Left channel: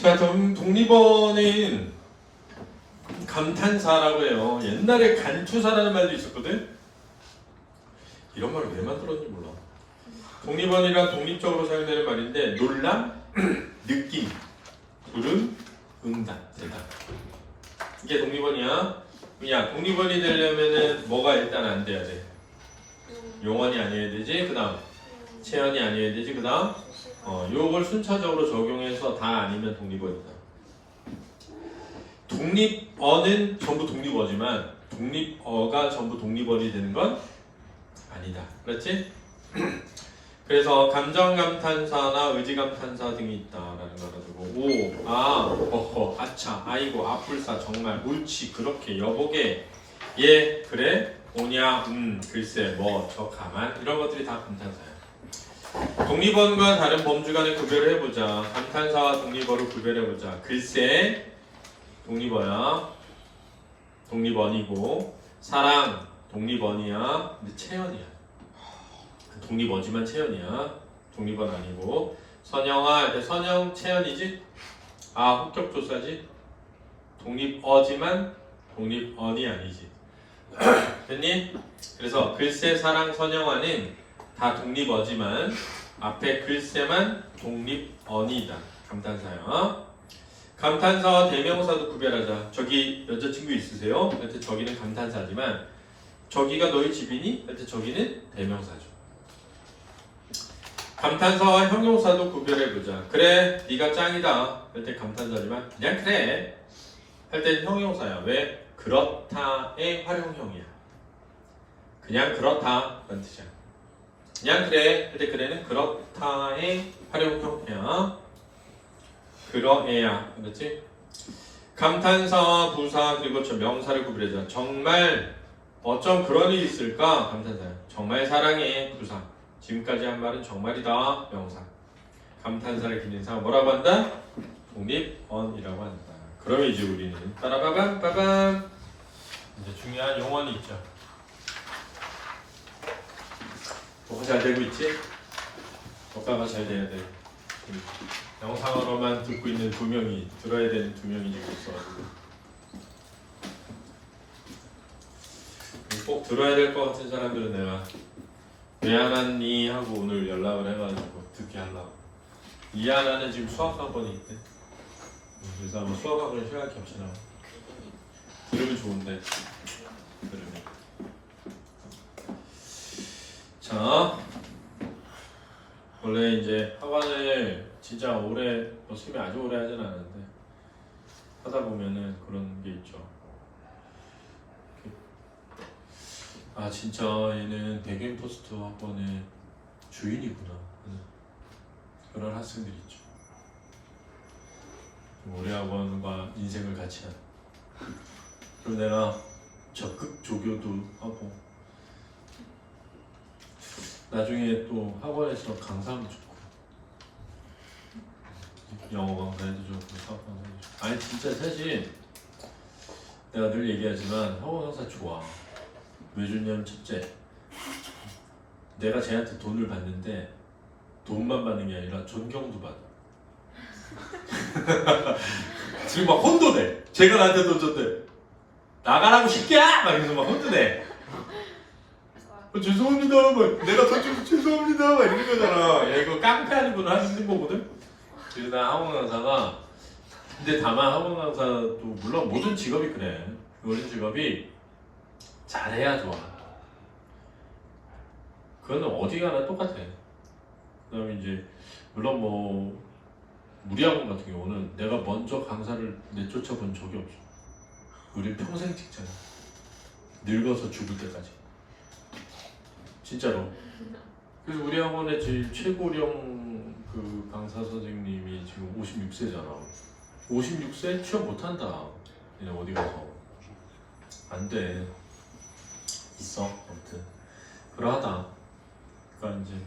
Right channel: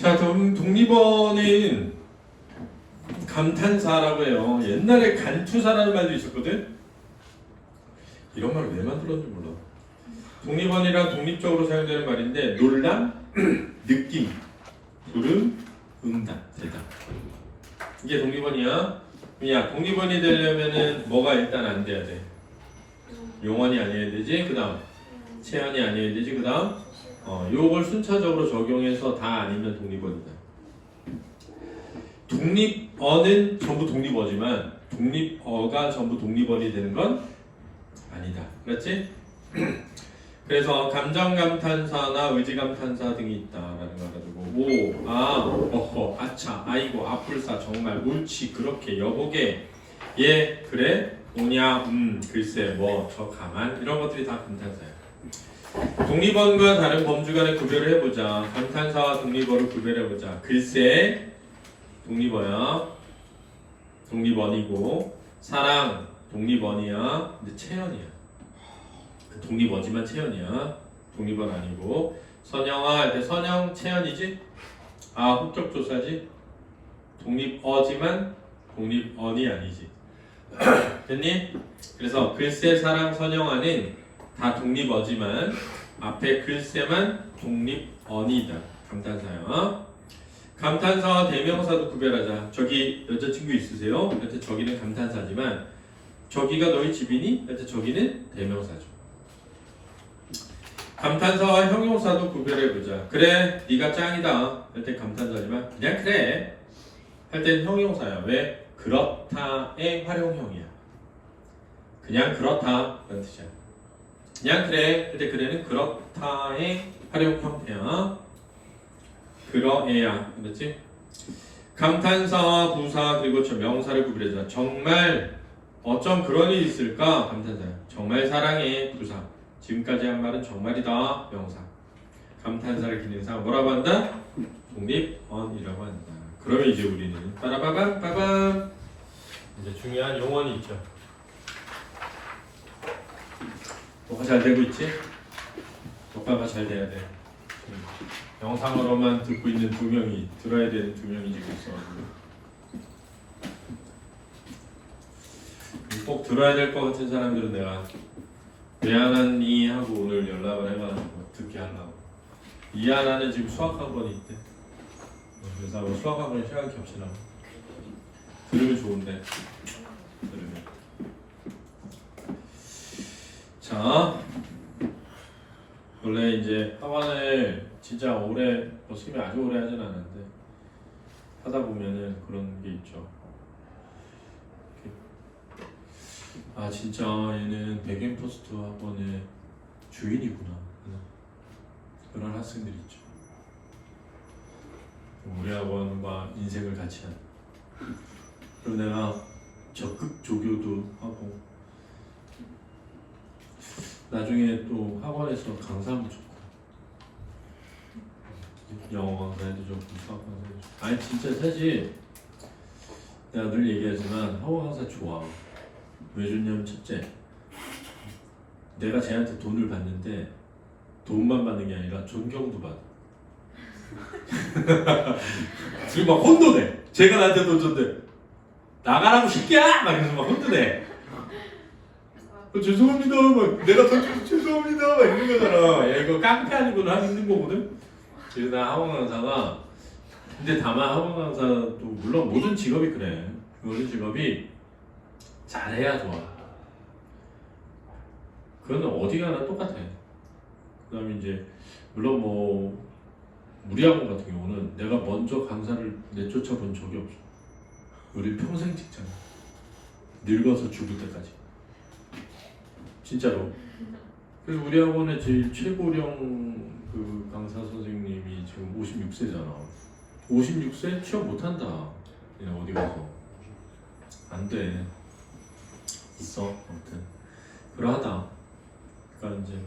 자, 독립원은 감탄사라고 해요. 옛날에 간투사라는 말도 있었거든. 이런 말을 왜 만들었는지 몰라. 독립원이란 독립적으로 사용되는 말인데 놀람, 느낌, 불응, 응답, 대답. 이게 독립원이야. 그냥 독립원이 되려면은 뭐가 일단 안 돼야 돼. 용언이 아니어야 되지. 그 다음 체언이 아니어야 되지. 그 다음 요걸 순차적으로 적용해서 다 아니면 독립원이다. 독립어는 전부 독립어지만 독립어가 전부 독립원이 되는 건 아니다. 그렇지? 그래서 감정감탄사나 의지감탄사 등이 있다라는 거 가지고 오, 아, 어허, 아차, 아이고, 아뿔싸, 정말, 옳지, 그렇게, 여보게, 예, 그래, 오냐, 글쎄, 뭐, 저 가만 이런 것들이 다 감탄사야. 독립어과 다른 범주 간의 구별을 해보자. 감탄사와 독립어를 구별해보자. 글쎄, 독립어야. 독립원이고 사랑, 독립원이야. 근데 체언이야. 독립어지만 체언이야. 독립원 아니고. 선영아, 선영 체언이지? 아, 합격조사지? 독립어지만 독립언이 아니지. 됐니? 그래서 글쎄, 사랑, 선영아는 다 독립어지만 앞에 글쎄만 독립언이다. 감탄사야. 감탄사와 대명사도 구별하자. 저기 여자친구 있으세요? 그때 저기는 감탄사지만 저기가 너희 집이니? 그때 저기는 대명사죠. 감탄사와 형용사도 구별해보자. 그래, 네가 짱이다 할 때 감탄사지만 그냥 그래 할 땐 형용사야. 왜? 그렇다의 활용형이야. 그냥 그렇다 라는 뜻이야. 그냥 그래 할 때 그래는 그렇다의 활용형이야. 그러해야. 그렇지? 감탄사와 부사 그리고 저 명사를 구별해주자. 정말 어쩜 그런 일이 있을까? 감탄사야. 정말 사랑해. 부사. 지금까지 한 말은 정말이다. 명사. 감탄사를 기능사 뭐라고 한다? 독립언이라고 한다. 그럼 이제 우리는 빠라바밤 빠밤 이제 중요한 용언이 있죠. 뭐가 잘 되고 있지? 뭐가 잘 돼야 돼. 영상으로만 듣고 있는 두 명이 들어야 되는 두 명이 지금 있어가지고 꼭 들어야 될 것 같은 사람들은 내가 미안하니 하고 오늘 연락을 해가지고 듣게 하려고. 이하나는 지금 수학학원이 있대. 그래서 아마 수학학원 시간 겹치나. 들으면 좋은데. 들으면. 자, 원래 이제 학원을 진짜 오래 열심히 아주 오래 하진 않는데 하다 보면은 그런 게 있죠. 아 진짜 얘는 백인 포스트 학원의 주인이구나. 그런 학생들이 있죠. 우리 학원과 인생을 같이 하는. 그럼 내가 적극 조교도 하고 나중에 또 학원에서 강사도 좋고 영어 강사도 좋고 수학 강사도 좋고. 아니 진짜 사실 내가 늘 얘기하지만 학원 강사 좋아. 왜 좋냐면 첫째, 내가 쟤한테 돈을 받는데 돈만 받는 게 아니라 존경도 받아. 지금 막 혼돈해. 제가 나한테 돈 줬대. 나가라고 새끼야! 막 이러면서 막 혼돈해. 죄송합니다. 막 내가 돈 주고 죄송합니다. 막 이런 거잖아. 야 이거 깡패 아니구나 하는 거거든. 그래서 나 학원 강사가 근데 다만 학원 강사도 물론 모든 직업이 그래. 모든 직업이 잘해야 좋아. 그거는 어디 가나 똑같아. 그 다음에 이제 물론 뭐 우리 학원 같은 경우는 내가 먼저 강사를 내쫓아 본 적이 없어. 우리 평생 찍잖아. 늙어서 죽을 때까지. 진짜로. 그래서 우리 학원의 제일 최고령 그 강사 선생님이 지금 56세잖아. 56세 취업 못한다. 그냥 어디 가서 안 돼. 있어. 아무튼 그러하다. 그러니까 이제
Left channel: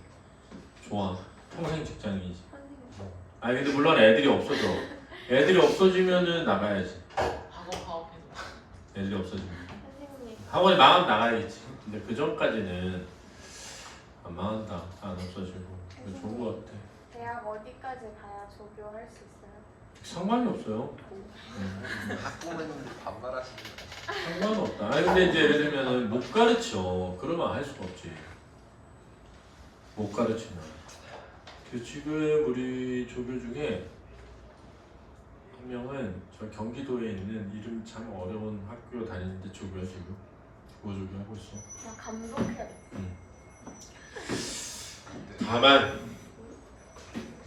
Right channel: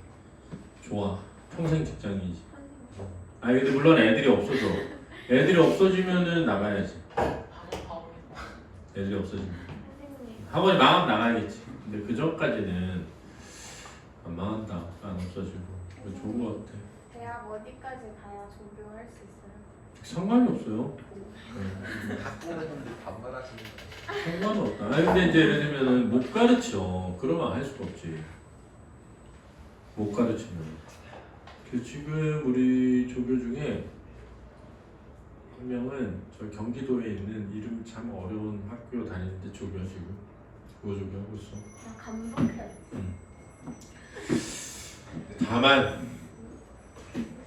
좋아. 평생 직장인이지. 아니 근데 물론 애들이 없어져. 애들이 없어지면은 나가야지. 애들이 없어지면 학원이 망하면 나가야겠지. 근데 그 전까지는 안 망한다. 안 없어지고 좋은 것 같아. 대학 어디까지 가야 조교할 수 있어요? 상관이 없어요. 학부모님들 반말하시는 거. 상관없다. 아니 근데 이제 예를 들면은 못 가르쳐. 그러면 알 수가 없지. 못 가르치면. 지금 우리 조교 중에 한 명은 저 경기도에 있는 이름 참 어려운 학교 다니는데 조교야 지금. 국어조교 하고 있어. 아, 감독해.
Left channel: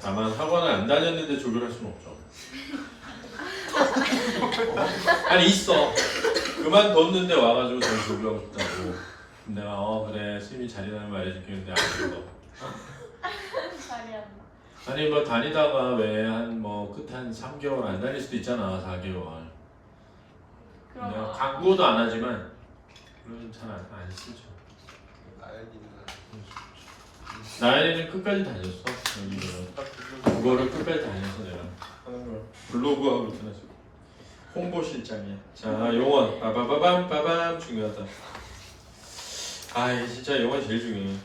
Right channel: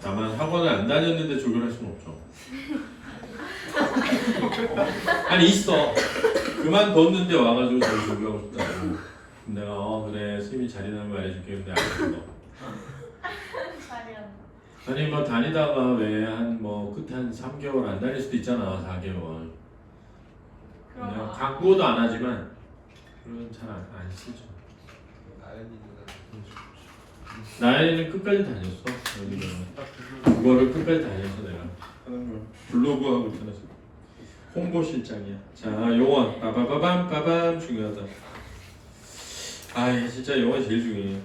다만 학원을 안 다녔는데 조교를 할 수는 없죠. 아니 있어. 그만뒀는데 와가지고 다시 조교하고 싶다고. 내가 그래 스님이 자리나면 말해줄게 근데 안 된다. 아니 뭐 다니다가 왜 한 뭐 끝에 한 3개월 안 다닐 수도 있잖아. 4개월. 내가 광고도 안 하지만 그건 잘안 쓰죠. 나연이는 끝까지 다녔어. 여기는 그거를 끝까지 다녀서 내가 하는 거야. 블로그하고 그렇게 해서 홍보실장이야. 자, 용어 빠바바밤 중요하다. 아, 진짜 용어이 제일 중요해.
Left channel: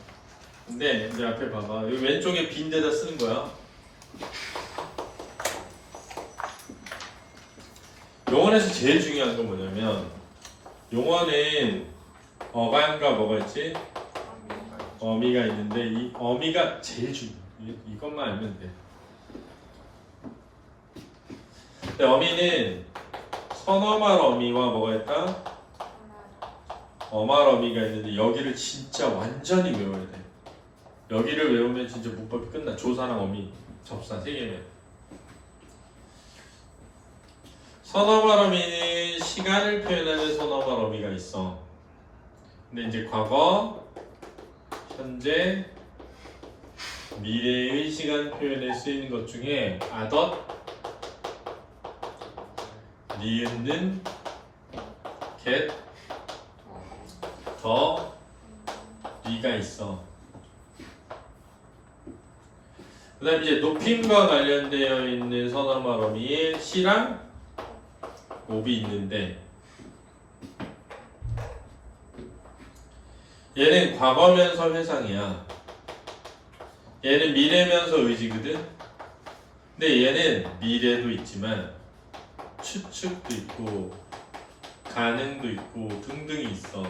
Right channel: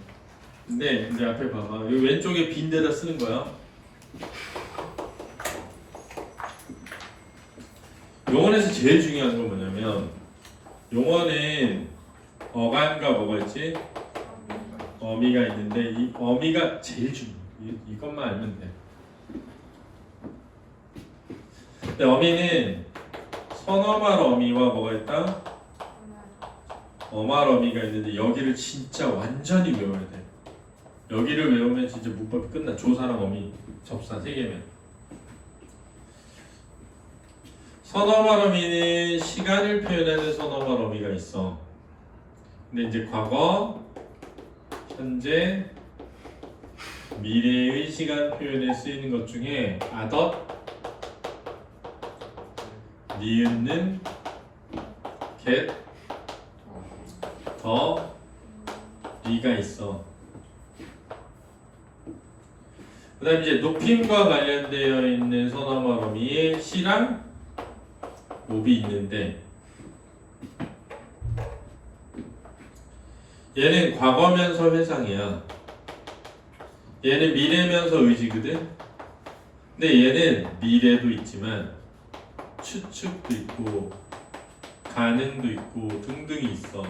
근데 이제 앞에 봐봐. 여기 왼쪽에 빈 데다 쓰는 거야. 용어에서 제일 중요한 건 뭐냐면 용어는 어간과 뭐가 있지? 어미가 있는데 이 어미가 제일 중요해. 이것만 알면 돼. 근데 어미는 선어말 어미와 뭐가 있다? 어말 어미가 있는데 여기를 진짜 완전히 외워야 돼. 여기를 외우면 진짜 문법이 끝나. 조사랑 어미, 접사 세 개면. 선어말 어미는 시간을 표현하는 선어말 어미가 있어. 근데 이제 과거, 현재, 미래의 시간 표현에 쓰이는 것 중에 아덧, 니은는, get, 더, 리가 있어. 그 다음에 이제 높임과 관련되어 있는 선어말 어미에 시랑 옵이 있는데 얘는 과거면서 회상이야. 얘는 미래면서 의지거든. 근데 얘는 미래도 있지만 추측도 있고 가능도 있고 등등이 있어.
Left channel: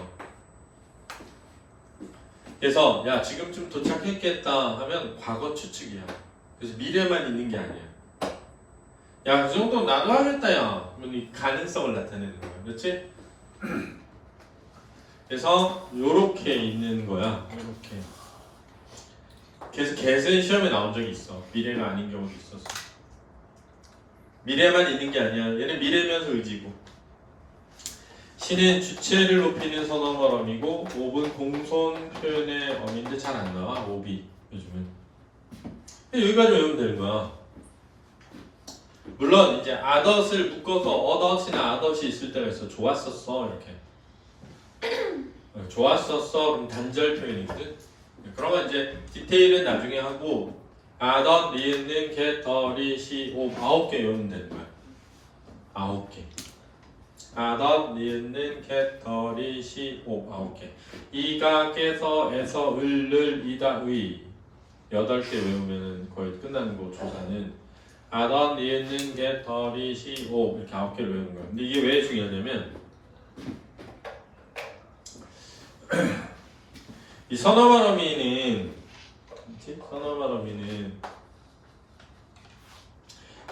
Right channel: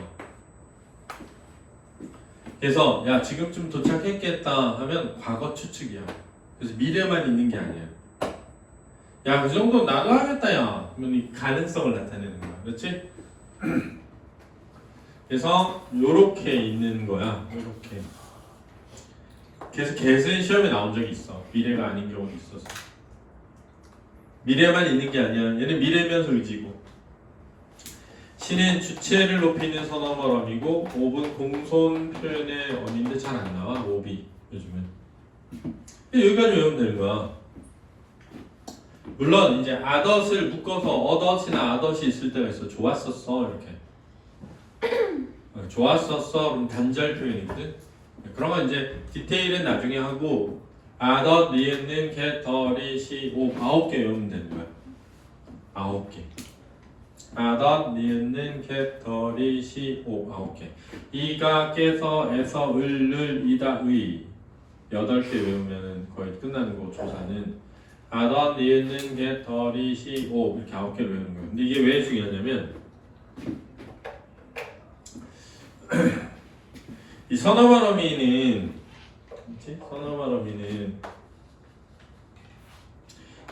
그래서 야 지금쯤 도착했겠다 하면 과거 추측이야. 그래서 미래만 있는 게 아니야. 야 그 정도 나도 하겠다 야. 그러면 이 가능성을 나타내는 거야. 그렇지? 그래서 요렇게 있는 거야. 요렇게. 그래서 get은 시험에 나온 적이 있어. 미래가 아닌 경우도 있었어. 미래만 있는 게 아니야. 얘는 미래면서 의지고. 시는 주체를 높이는 선어말 어미고 옵은 공손 표현의 어미인데 잘 안 나와. 옵이 요즘은. 여기까지 외우면 되는 거야. 물론 이제 아덧을 묶어서 어덧이나 아덧이 있을 때가 있어. 좋았었어 이렇게. 좋았었어 그럼 단절 표현이거든. 그러면 이제 디테일은 나중에 하고 아덧, 리은는, get, 리, 시, 오 9개 외우면 되는 거야. 9개. 아덧, 리은는, get, 리, 시, 오 9개. 이가, 깨서, 에서, 을, 이다, 의 8개 외우면 거의 끝나는 거. 조사는 아덧, 리은는, get, 리, 시, 오 이렇게 9개를 외우는 거야. 근데 이게 왜 중요하냐면 이 선어말 어미는 선어말 어미는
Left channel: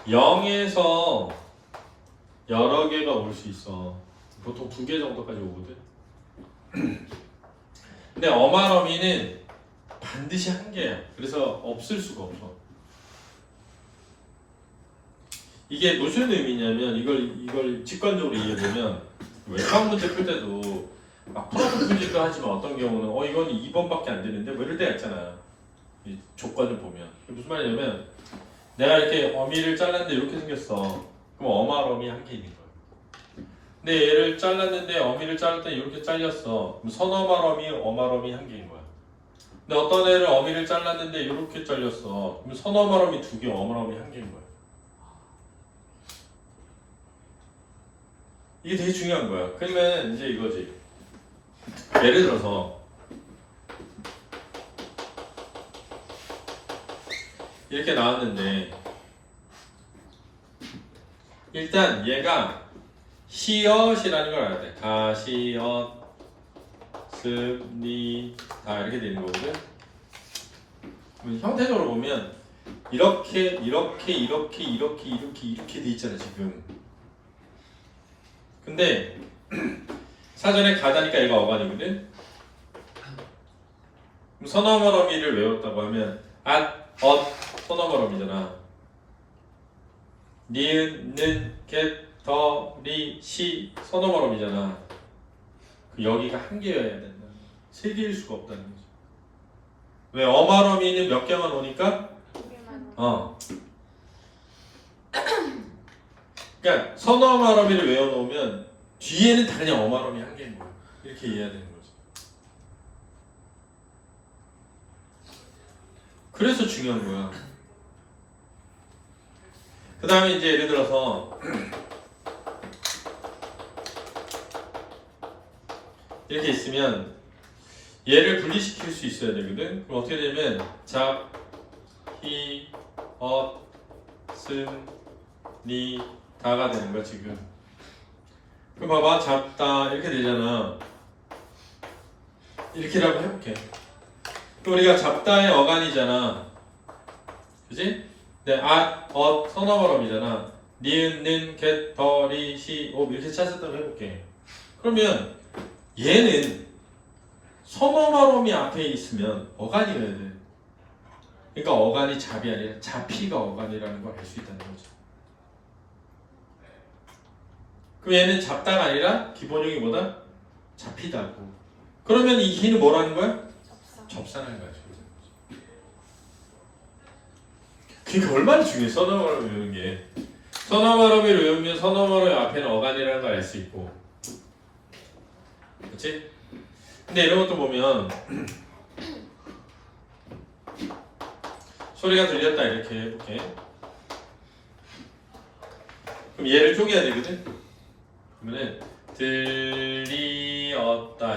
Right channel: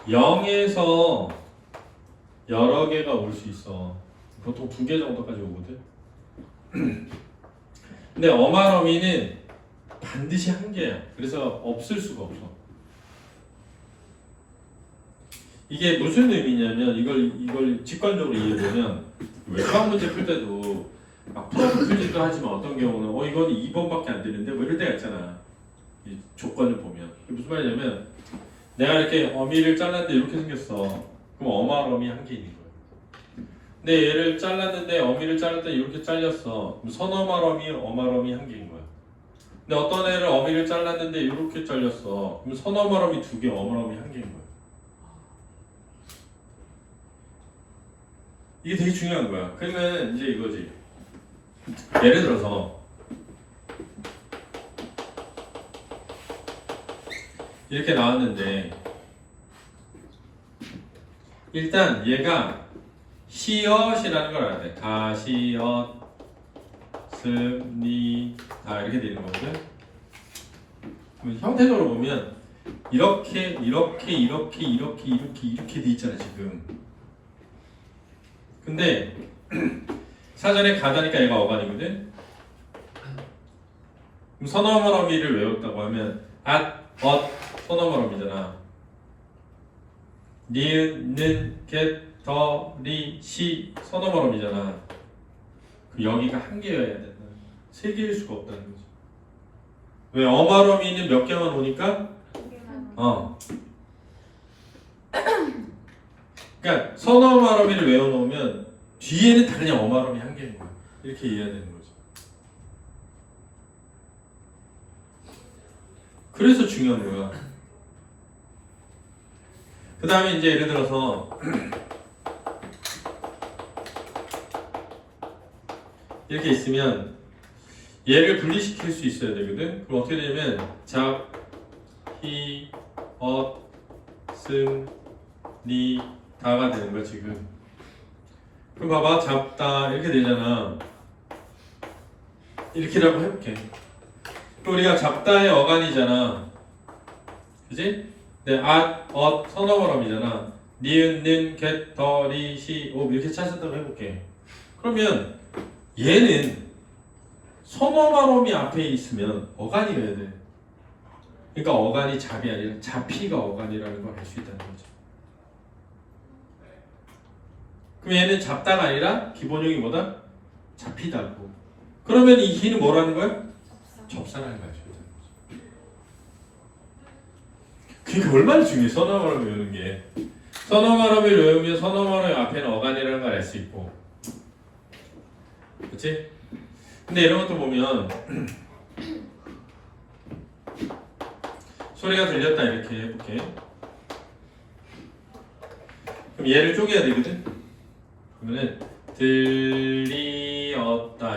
0에서 여러 개가 올 수 있어. 보통 2개 정도까지 오거든. 근데 어말 어미는 반드시 1개야. 그래서 없을 수가 없어. 이게 무슨 의미냐면 이걸 직관적으로 이해해보면 외과학 문제 풀 때도 막 풀어주기도 하지만 어떤 경우는 이건 2번밖에 안 되는데 뭐 이럴 때가 있잖아. 이 조건을 보면 무슨 말이냐면 내가 이렇게 어미를 잘랐는데 이렇게 생겼어. 그럼 어말 어미 1개 있는 거야. 근데 얘를 잘랐는데 어미를 자를 때 이렇게 잘렸어. 그럼 선어말 어미, 어말 어미 1개인 거야. 근데 어떤 애를 어미를 잘랐는데 이렇게 잘렸어. 그럼 선어말 어미 2개, 어말 어미 1개인 거야. 이게 되게 중요한 거야. 그러면 이제 이거지. 예를 들어서 이렇게 나왔는데 일단 얘가 시엇이라는 걸 알아야 돼. 가시엇 스니 다 이렇게 되는 거거든. 형태적으로 보면 이렇게 돼 있잖아 지금. 근데 사전에 가다니까 얘가 어간이거든. 그럼 선어머러미를 외웠다고 하면 선어머러미잖아. 니은, 는, 겟, 더, 리, 시 선어머러미잖아. 여기가 한 개여야 된다. 세 개일 수가 없다는 거지. 왜 어마러미는 몇 개만 오니까? 그러니까 선어마러미를 외워놓으면 뒤에는 다 그냥 어마러미 한 개인 거야. 이렇게 이해해야 되는 거지. 그래서 중요한 거야. 그 다음에 이제 예를 들어서 이렇게 있으면 얘를 분리시킬 수 있어야 되거든. 그럼 어떻게 되냐면 잡, 히, 엇, 승, 니 다가 되는 거야 지금. 그럼 봐봐 잡다 이렇게 되잖아. 이렇게라고 해볼게. 그럼 우리가 잡다의 어간이잖아. 그지? 네, 선어바람이잖아. 니은, 는, 겟, 더, 리, 시, 오 이렇게 찾았다고 해볼게. 그러면 얘는 선어바람이 앞에 있으면 어간이 돼야 돼. 그러니까 어간이 잡이 아니라 잡히가 어간이라는 걸 알 수 있다는 거지. 그럼 얘는 잡다가 아니라 기본형이 뭐다? 잡히다고. 그러면 이 히는 뭐라는 거야? 접사라는 거야. 그게 얼마나 중요해. 선어바람을 외우는 게. 선어바람을 외우면 선어바람의 앞에는 어간이라는 걸 알 수 있고. 그치? 근데 이런 것도 보면 소리가 들렸다 이렇게 해볼게. 그럼 얘를 쪼개야 되거든? 그러면은 들리었다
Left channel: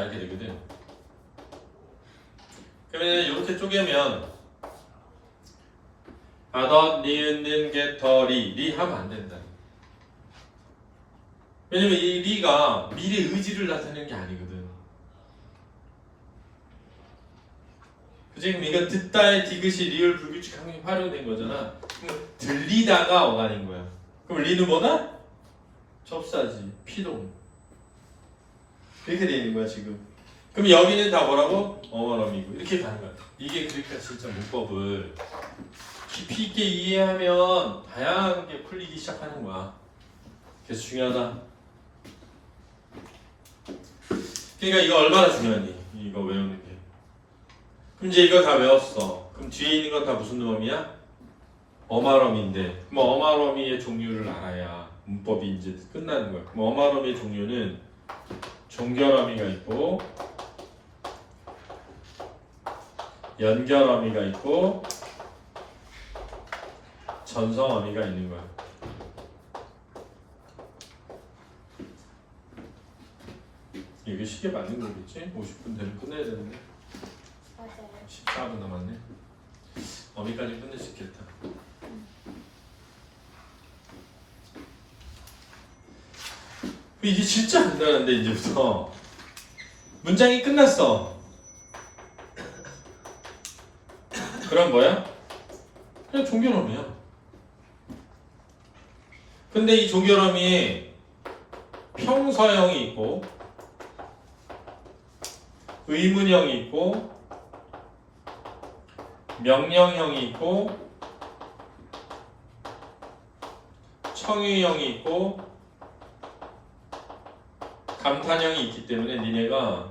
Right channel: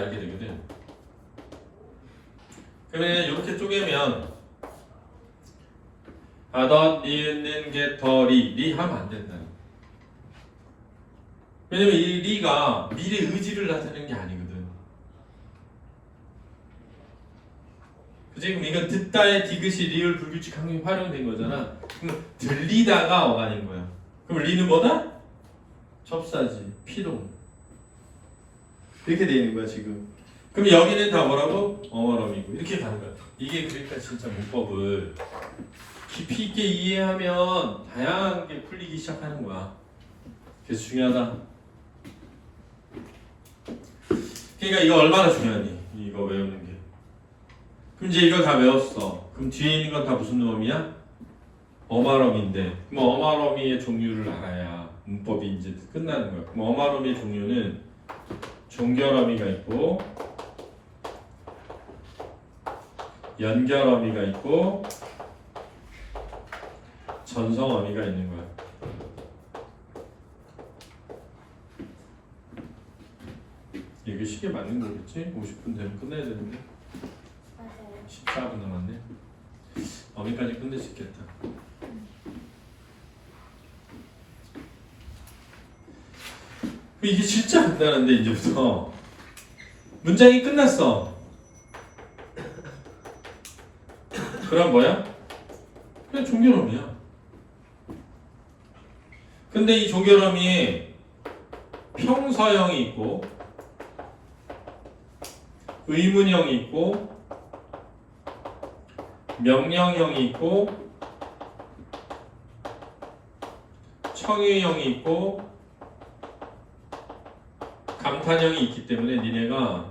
이렇게 되거든. 그러면 이렇게 쪼개면 더, 니은, 는, 겟, 더, 리 하면 안 된다. 왜냐면 이 리가 미래 의지를 나타내는 게 아니거든. 그치? 그럼 이건 듣다의 디귿이 리을 불규칙 항이 활용된 거잖아. 그럼 들리다가 어간인 거야. 그럼 리는 뭐다? 접사지, 피동. 이렇게 되어 있는 거야 지금. 그럼 여기는 다 뭐라고? 어머럼이고 이렇게 가는 거야. 이게 그러니까 진짜 문법을 깊이 있게 이해하면 다양하게 풀리기 시작하는 거야. 그래서 중요하다. 그러니까 이거 얼마나 중요하니? 이거 외우는 게. 그럼 이제 이걸 다 외웠어. 그럼 뒤에 있는 건 다 무슨 어미야? 어마러미인데, 그럼 어마러미의 종류를 알아야 문법이 이제 끝나는 거야. 그럼 어마러미의 종류는 종결어미가 있고, 연결어미가 있고, 전성어미가 있는 거야. 이게 시계 맞는 거겠지? 50분 되면 끝내야 되는데 14분 남았네. 어미까지 끝낼 수 있겠다. 이게 진짜 간단한데 이제부터 문장이 끝났어. 그럼 뭐야? 그냥 종결어미야. 근데 이 종결어미 평서형이 있고 의문형이 있고 명령형이 있고 청유형이 있고 감탄형이 있기 때문에 니네가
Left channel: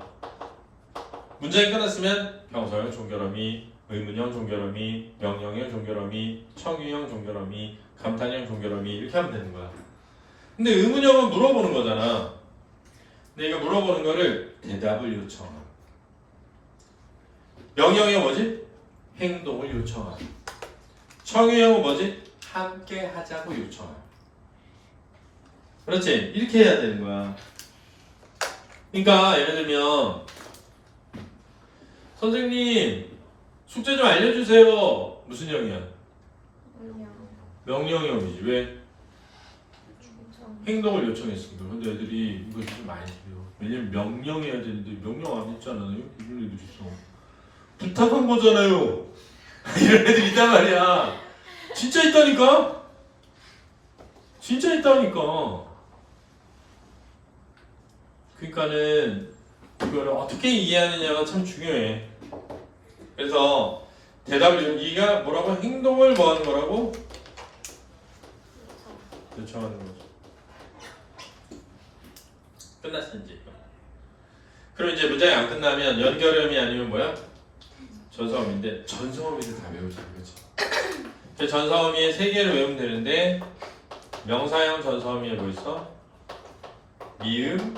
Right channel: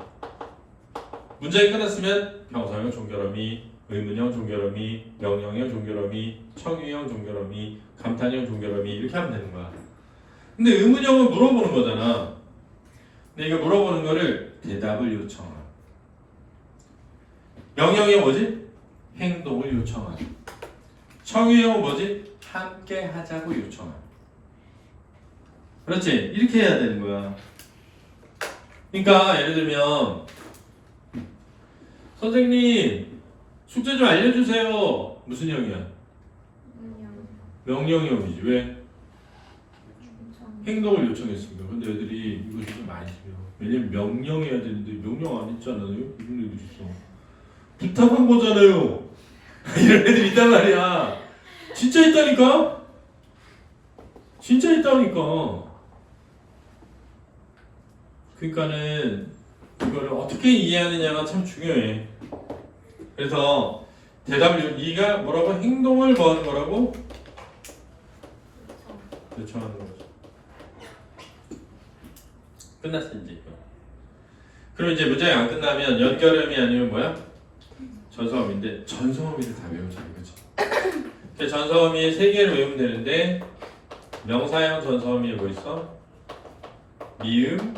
문장이 끝났으면 평서형 종결어미, 의문형 종결어미, 명령형 종결어미, 청유형 종결어미, 감탄형 종결어미 이렇게 하면 되는 거야. 근데 의문형은 물어보는 거잖아. 근데 이거 물어보는 거를 대답을 요청하라. 명령형이 뭐지? 행동을 요청하라. 청유형은 뭐지? 함께 하자고 요청하라. 그렇지? 이렇게 해야 되는 거야. 그러니까 예를 들면 선생님 숙제 좀 알려주세요. 무슨 형이야? 명령형이지. 왜? 행동을 요청했습니다. 근데 애들이 이거 진짜 많이 해요. 왜냐면 명령해야 되는데 명령 안 했잖아요. 이런 애들 있어. 부탁한 거잖아요. 이런 애들 있단 말이야. 진짜 있다니까. 진짜 있다니까. 그러니까는 이거를 어떻게 이해하느냐가 참 중요해. 그래서 대답을 네가 뭐라고 행동을 뭐 하는 거라고 요청하는 거죠. 끝났어 이제 이거. 그럼 이제 문장이 안 끝나면 연결음이 아니면 뭐야? 전사음인데 전사음인데 다 외우자 이거지. 전사음이 3개를 외우면 되는데 명사형 전사음이 뭐 있어? 미음,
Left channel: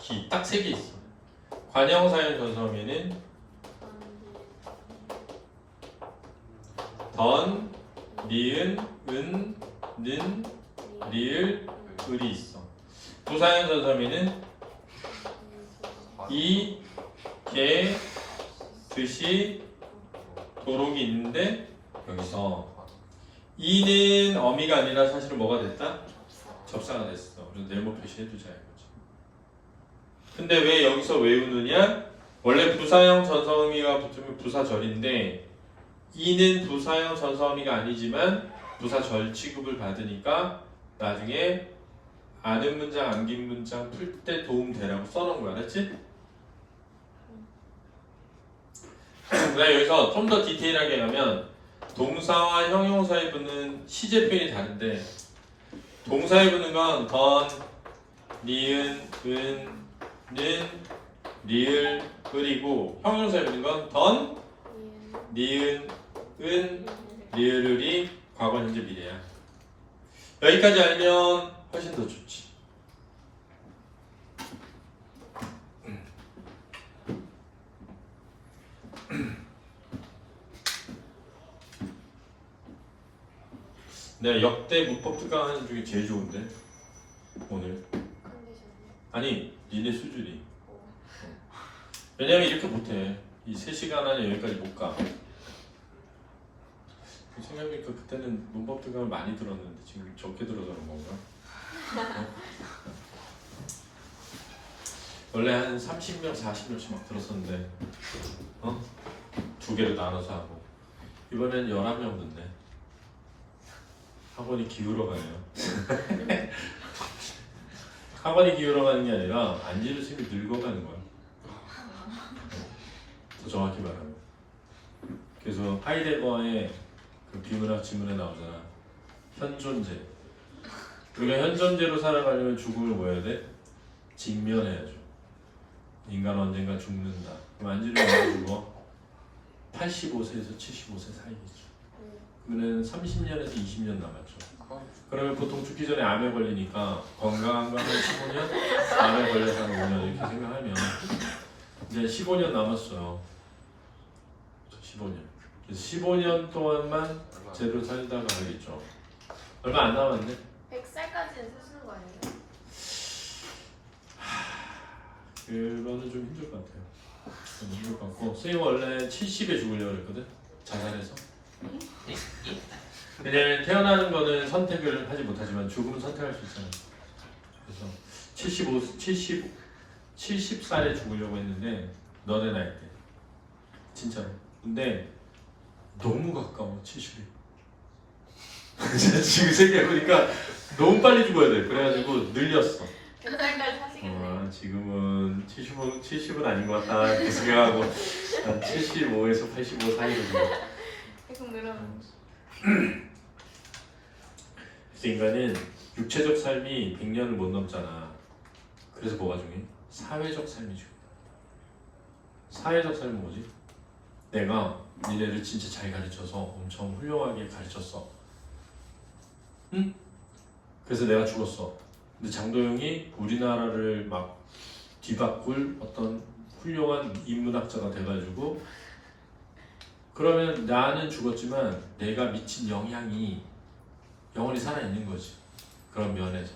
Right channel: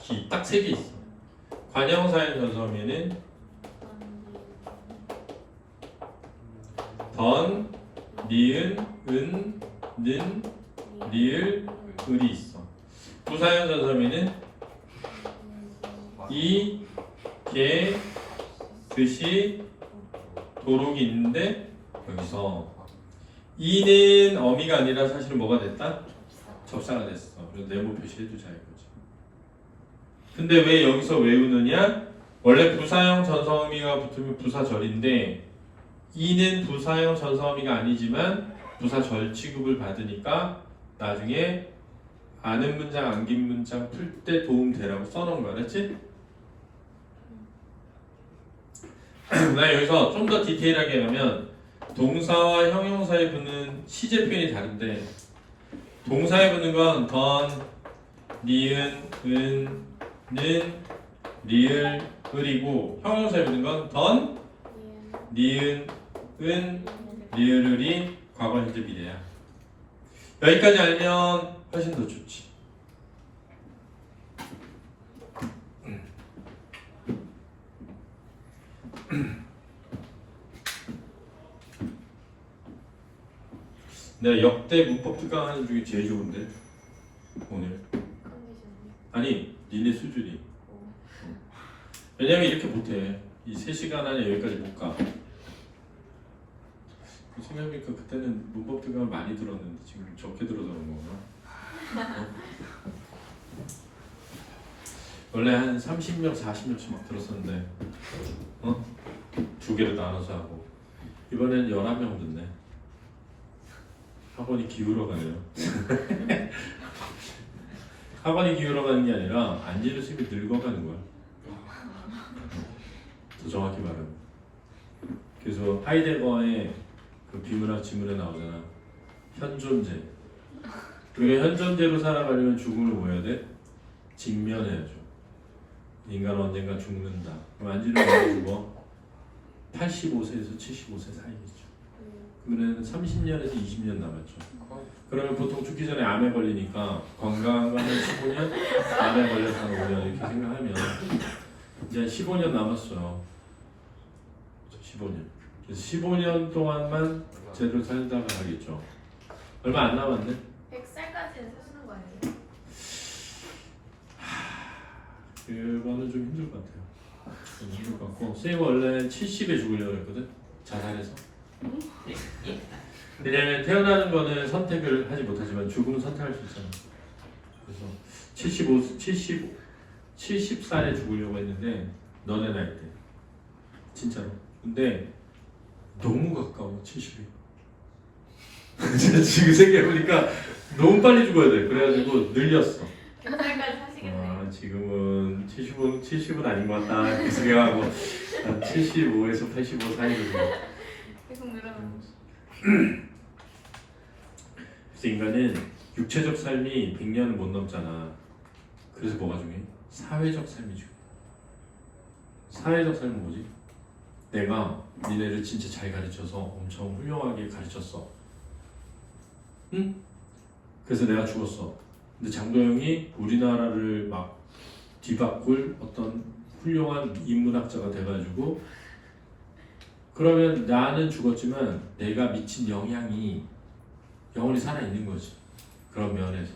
기 딱 3개 있어. 관형사형 전사음에는 던, 니은, 은, 는, 리을, 을이 있어. 부사형 전사음에는 이, 개, 듯이, 도록이 있는데 여기서 이는 어미가 아니라 사실은 뭐가 됐다? 접사가 됐어. 그래서 네모 표시해두자 이거지. 근데 왜 여기서 외우느냐? 원래 부사형 전사어미가 붙으면 부사절인데 이는 부사형 전사어미가 아니지만 부사절 취급을 받으니까 나중에 아는 문장, 암긴 문장 풀 때 도움 되라고 써놓은 거야, 알았지? 나 여기서 좀 더 디테일하게 하면 동사와 형용사에 붙는 시제 표현이 다른데 동사에 붙는 건 던, 니은, 은, 는, 리을, 을이고 형용사에 붙는 건 던, 니은, 은, 리을, 을이 과거, 현재, 미래야. 여기까지 알면 훨씬 더 좋지. 내가 역대 문법 특강하는 중에 제일 좋은데 오늘. 아니 니네 수준이. 왜냐면 이렇게 못해. 이 3시간 안에 여기까지 못 가. 생각해보니까 그때는 문법 특강을 많이 들었는데 지금 적게 들어서 그런 건가? 원래 한 30명, 40명씩 막 들었었는데 2개로 나눠서 하고 이번엔 11명 듣네. 학원이 기울어가네요. 학원이 기울어가는 게 아니라 안지르 쌤이 늙어가는 거야. 더 정확히 말하면. 그래서 하이데거의 그 비문학 지문에 나오잖아. 현존재. 우리가 현존재로 살아가려면 죽음을 뭐 해야 돼? 직면해야죠. 인간은 언젠가 죽는다. 그럼 안지르는 언제 죽어? 85세에서 75세 사이겠죠. 그러면 30년에서 20년 남았죠. 그러면 보통 죽기 전에 암에 걸리니까 건강한 건 한 15년, 암에 걸려서 한 5년 이렇게 생각하면 이제 15년 남았어요. 15년. 그래서 15년 동안만 제대로 살다가 하겠죠. 얼마 안 남았네. 100살까지는 사시는 거 아니에요? 그거는 좀 힘들 것 같아요. 좀 힘들 것 같고 쌤이 원래 70에 죽으려고 했거든. 자살해서. 왜냐면 태어나는 거는 선택을 하지 못하지만 죽음은 선택할 수 있잖아. 그래서 70살에 죽으려고 했는데 너네 나이 때 진짜로. 근데 너무 가까워 70이. 지금 생각해보니까 너무 빨리 죽어야 돼. 그래가지고 늘렸어. 100살까지 사시겠네요. 지금은 70은 아닌 것 같다 그 생각하고 한 75에서 85 사이로 죽어. 계속 늘어나고. 그래서 인간은 육체적 삶이 100년을 못 넘잖아. 그래서 뭐가 중요해? 사회적 삶이 중요해. 사회적 삶은 뭐지? 내가 니네를 진짜 잘 가르쳐서 엄청 훌륭하게 가르쳤어. 응? 그래서 내가 죽었어. 근데 장도영이 우리나라를 막 뒤바꿀 어떤 훌륭한 인문학자가 돼가지고 그러면 나는 죽었지만 내가 미친 영향이 영원히 살아있는 거지. 그런 면에서.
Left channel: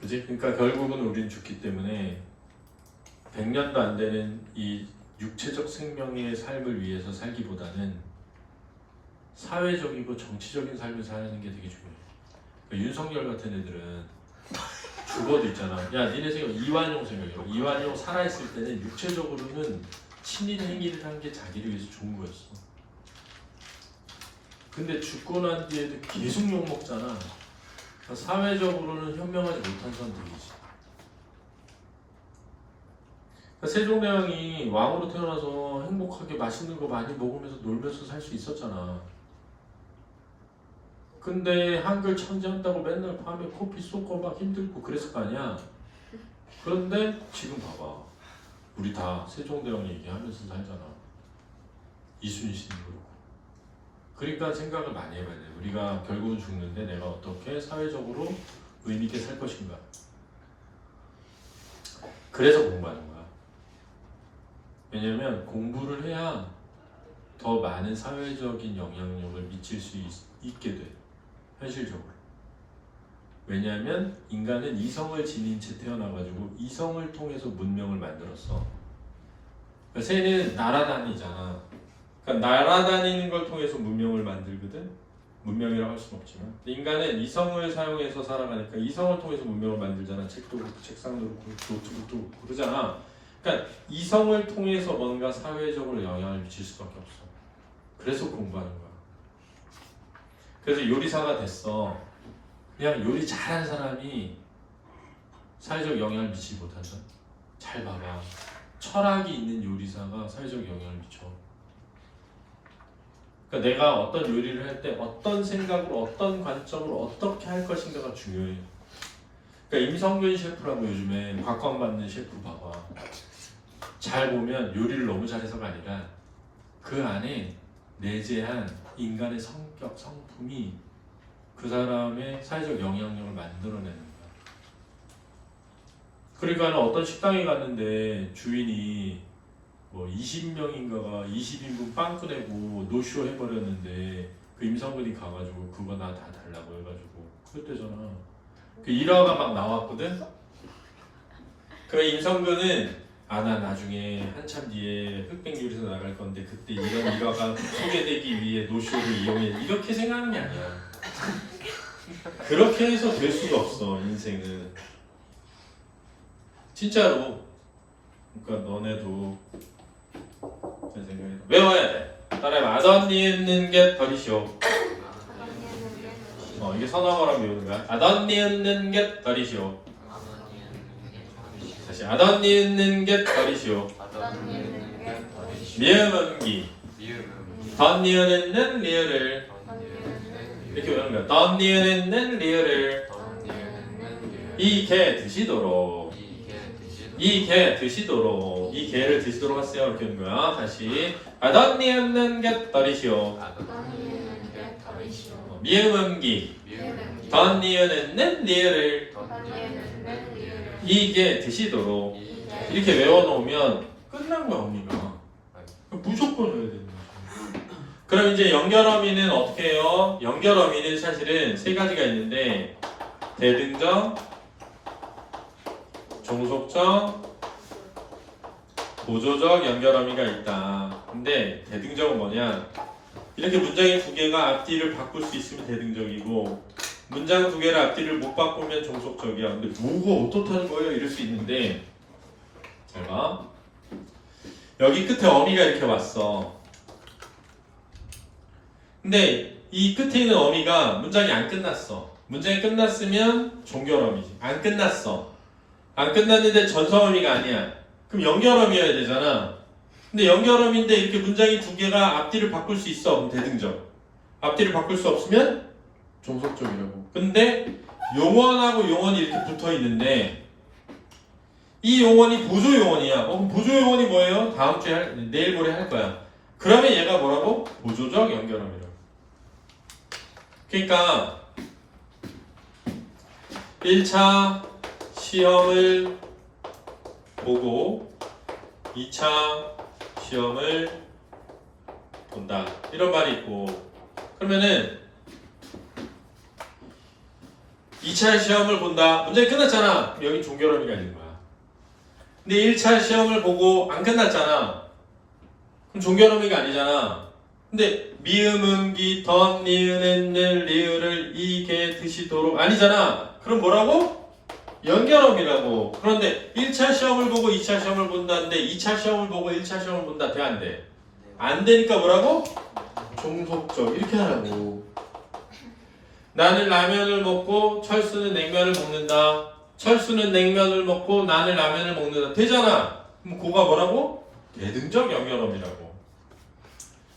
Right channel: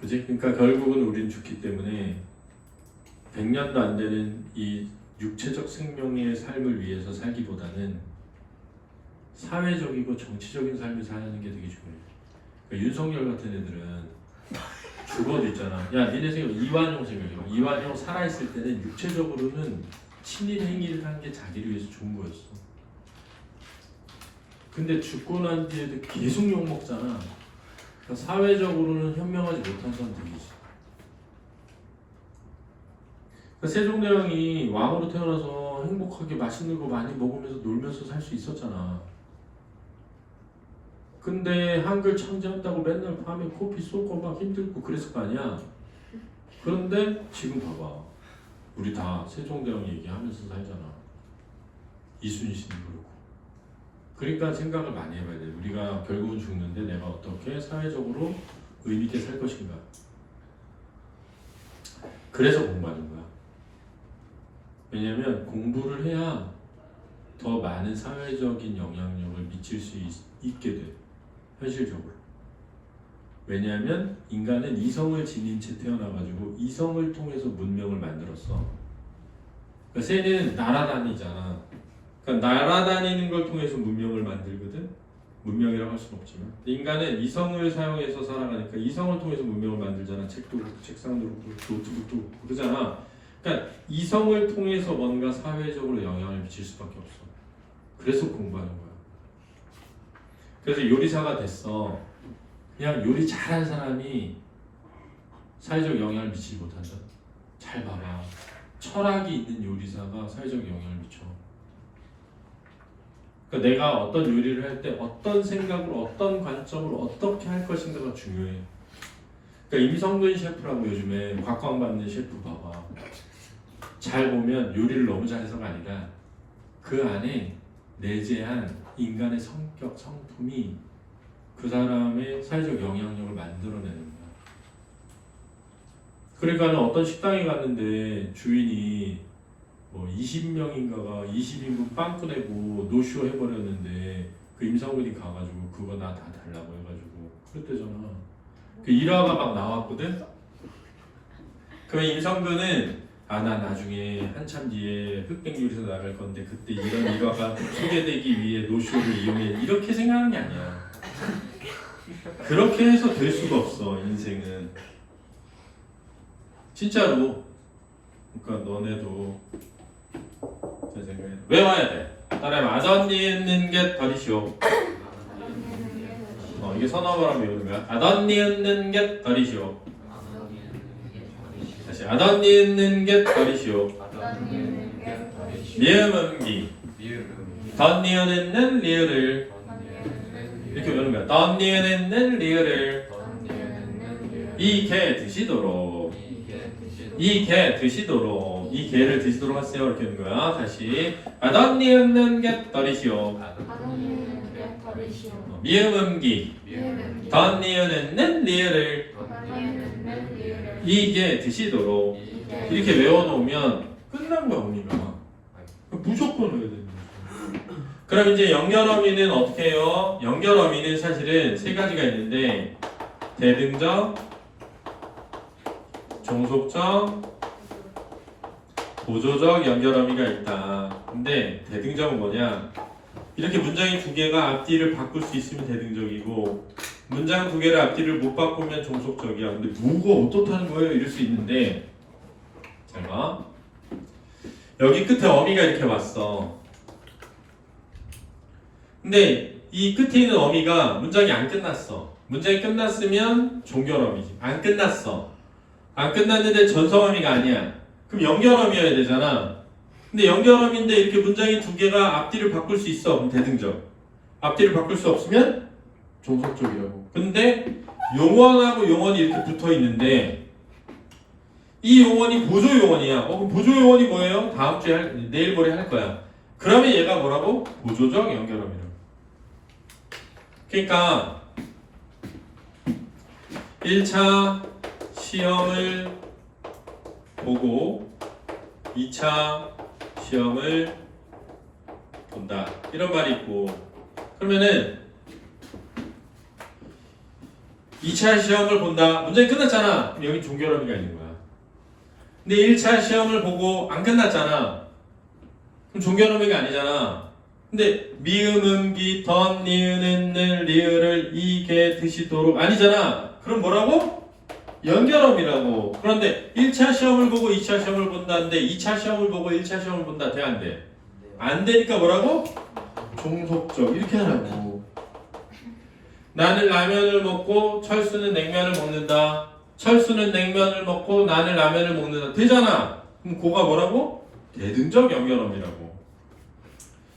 그지? 그러니까 결국은 우리는 죽기 때문에 100년도 안 되는 이 육체적 생명의 삶을 위해서 살기보다는 사회적이고 정치적인 삶을 사는 게 되게 중요해. 그러니까 윤석열 같은 애들은 죽어도 있잖아. 야, 니네 생각 이완용 생각해봐. 이완용 살아있을 때는 육체적으로는 친일 행위를 한 게 자기를 위해서 죽은 거였어. 근데 죽고 난 뒤에도 계속 욕 먹잖아. 그러니까 사회적으로는 현명하지 못한 선택이지. 그러니까 세종대왕이 왕으로 태어나서 행복하게 맛있는 거 많이 먹으면서 놀면서 살 수 있었잖아. 근데 한글 천재한다고 맨날 밤에 코피 쏟고 막 힘들고 그랬을 거 아니야. 그런데 지금 봐봐. 우리 다 세종대왕 얘기하면서 살잖아. 이순신도 그렇고. 그러니까 생각을 많이 해봐야 돼. 우리가 결국은 죽는데 내가 어떻게 사회적으로 의미있게 살 것인가. 그래서 공부하는 거야. 왜냐면 공부를 해야 더 많은 사회적인 영향력을 미칠 수 있게 돼. 현실적으로. 왜냐하면 인간은 이성을 지닌 채 태어나가지고 이성을 통해서 문명을 만들었어. 그러니까 새는 날아다니잖아. 그러니까 날아다니는 걸 통해서 문명을 만들거든. 문명이라고 할 수는 없지만 인간은 이성을 사용해서 살아가니까 이성을 통해서 문명을 만들잖아. 책도 그렇고 책상도 그렇고 노트북도 그렇고 그러잖아. 그러니까 이성을 통해서 뭔가 사회적으로 영향을 미칠 수밖에 없어. 그래서 공부하는 거야. 그래서 요리사가 됐어. 그냥 요리 잘하는 사람이 사회적 영향을 미치지 못한다. 잘 봐봐. 철학이 있는 요리사가 사회적 영향을 미쳐. 그러니까 내가 어떤 요리를 할 때 어떤 생각으로 어떤 관점으로 어떻게 할 것인가가 중요해. 그러니까 임성근 셰프라고 요즘에 각광받는 셰프 봐봐. 잘 보면 요리를 너무 잘해서가 아니라 그 안에 내재한 인간의 성격, 성품이 그 사람의 사회적 영향력을 만들어내는 거야. 그러니까 어떤 식당에 갔는데 주인이 뭐 20명인가가 20인분 빵꾸 내고 노쇼 해버렸는데 그 임성근이 가가지고 그거 나 다 달라고 해가지고 그랬대잖아. 그 일화가 막 나왔거든. 그럼 임성근은 나 나중에 한참 뒤에 흑백 요리사 나갈 건데 그때 이런 일화가 소개되기 위해 노쇼를 이용해 이렇게 생각하는 게 아니야. 그렇게 해서 될 수가 없어 인생은. 진짜로. 그러니까 너네도 제 생각에 외워야 돼. 따라해봐. 아덧니은 게 버리시오. 이게 선어어라고 외우는 거야. 아덧니은 게 버리시오. 다시 아덧니은 게 버리시오. 미음음기. 덧니은 리을을 이렇게 외우는 거야. 덧니은 리을을 이 개 드시도록. 이 개 드시도록. 이 개를 드시도록 하세요. 이렇게 하는 거야. 다시 아덧니은 게 버리시오. 미음음기. 덧니은 리을을 이게 드시도록 이렇게 외워놓으면 끝난 거야 언니가. 무조건 해야 되는 거죠. 그럼 이제 연결어미는 어떻게 해요? 연결어미는 사실은 세 가지가 있는데 대등정, 종속정, 보조적 연결어미가 있다. 근데 대등정은 뭐냐? 이렇게 문장이 두 개가 앞뒤를 바꿀 수 있으면 대등적이고 문장 두 개를 앞뒤를 못 바꾸면 종속적이야. 근데 뭐가 어떻다는 거예요? 이럴 수 있는데 잘 봐. 여기 끝에 어미가 이렇게 왔어. 근데 이 끝에 있는 어미가 문장이 안 끝났어. 문장이 끝났으면 종결어미지. 안 끝났어. 안 끝났는데 전성어미가 아니야. 그럼 연결어미여야 되잖아. 근데 연결어미인데 이렇게 문장이 두 개가 앞뒤를 바꿀 수 있어. 그럼 대등적. 앞뒤를 바꿀 수 없으면 종속적이라고. 근데 용언하고 용언이 이렇게 붙어 있는데 이 용언이 보조 용언이야. 그럼 보조 용언이 뭐예요? 다음 주에 내일 모레 할 거야. 그러면 얘가 뭐라고? 보조적 연결어미라고. 그러니까 1차 시험을 보고 2차 시험을 본다. 이런 말이 있고 그러면은 2차 시험을 본다. 문제가 끝났잖아. 그럼 여기 종결어미가 있는 거야. 근데 1차 시험을 보고 안 끝났잖아. 그럼 종결어미가 아니잖아. 근데 미음, 음기, 덧, 니은, 을, 리을을 이게 드시도록 아니잖아. 그럼 뭐라고? 연결음이라고. 그런데 1차 시험을 보고 2차 시험을 본다는데 2차 시험을 보고 1차 시험을 본다. 돼, 안 돼? 안 되니까 뭐라고? 종속적. 이렇게 하라고. 나는 라면을 먹고 철수는 냉면을 먹는다. 철수는 냉면을 먹고 나는 라면을 먹는다. 되잖아. 그럼 그거가 뭐라고? 대등적 연결음이라고.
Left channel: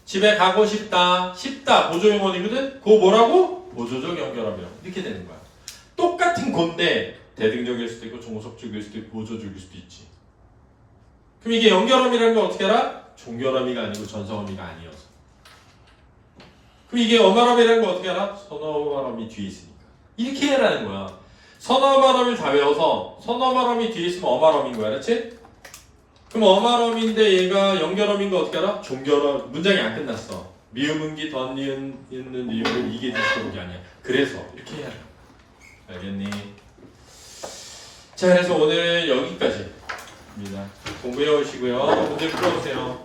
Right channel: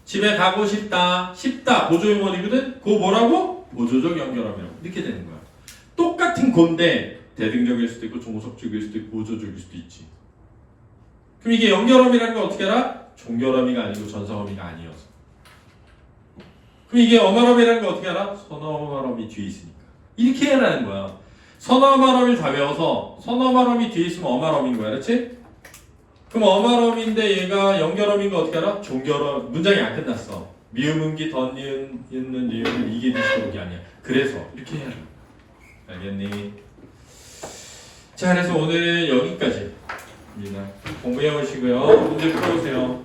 집에 가고 싶다. 싶다. 보조용언이거든? 그거 뭐라고? 보조적 연결음이라고. 이렇게 되는 거야. 똑같은 건데 대등적일 수도 있고 종속적일 수도 있고 보조적일 수도 있지. 그럼 이게 연결음이라는 건 어떻게 알아? 종결음이가 아니고 전성음이가 아니어서. 그럼 이게 어말음이라는 건 어떻게 알아? 선어말음이 뒤에 있으니까. 이렇게 해라는 거야. 선어말음을 다 외워서 선어말음이 뒤에 있으면 어말음인 거야. 그렇지? 그럼 어말음인데 얘가 연결음인 거 어떻게 알아? 종결음. 문장이 안 끝났어. 미음, 음기, 덧, 니은, 있는 리을은 이게 뒤쪽이 아니야. 그래서 이렇게 해야 돼. 알겠니? 자, 그래서 오늘 여기까지입니다. 공부해 오시고요. 문제 풀어보세요.